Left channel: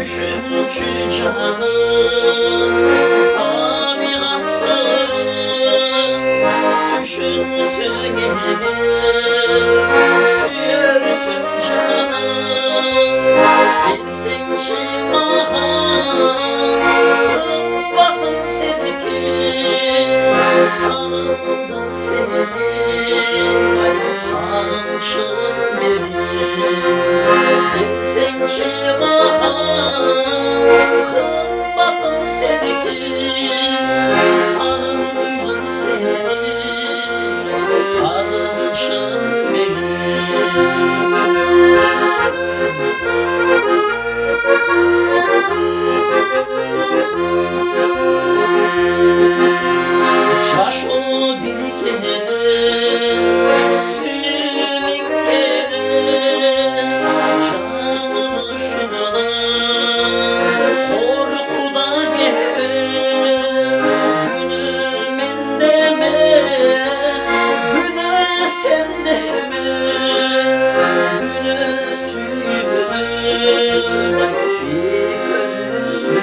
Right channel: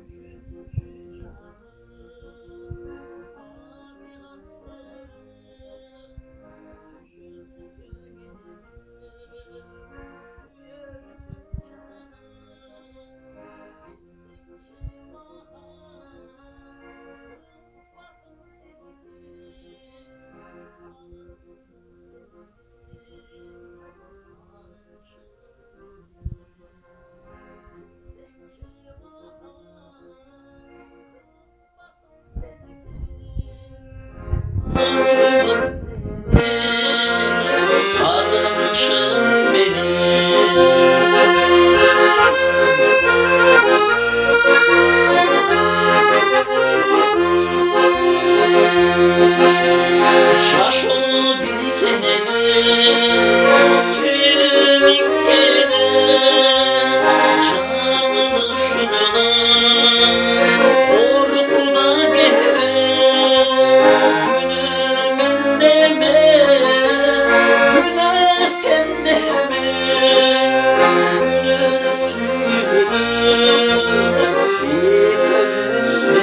Düşüncü canım tabiatsın, düşünsün sürsün canım. Bilsin ki kımbatın sevgili, sarıldım seni, sarılçım benim. Bilsin ki kımbatın sevgili, sarıldım seni, sarılçım benim. Şaş ol bir kere, sürük kere, canımı şuna, korkuda gere, gülüm demez, gülüm sen demez, gülüm sürük, bir gülsün.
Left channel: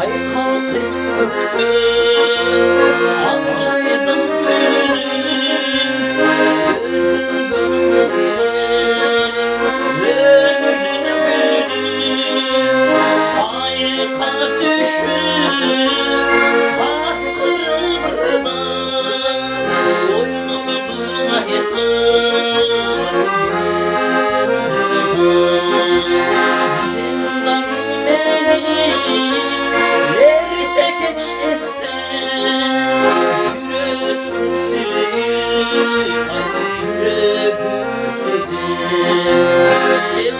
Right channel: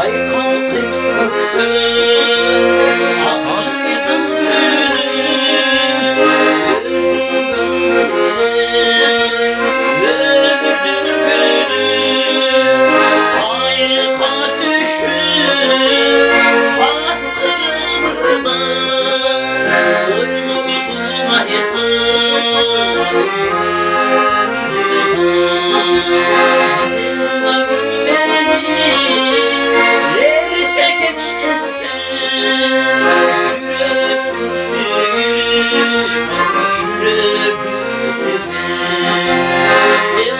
Ay kalkıp öptü, açaydım gülüm, gözüm gönlümden gülüm. Ayka düşür, kalp kırılma, boynumda yeter. Yerde geç ister, şüresün seni, şüregün sezi, sen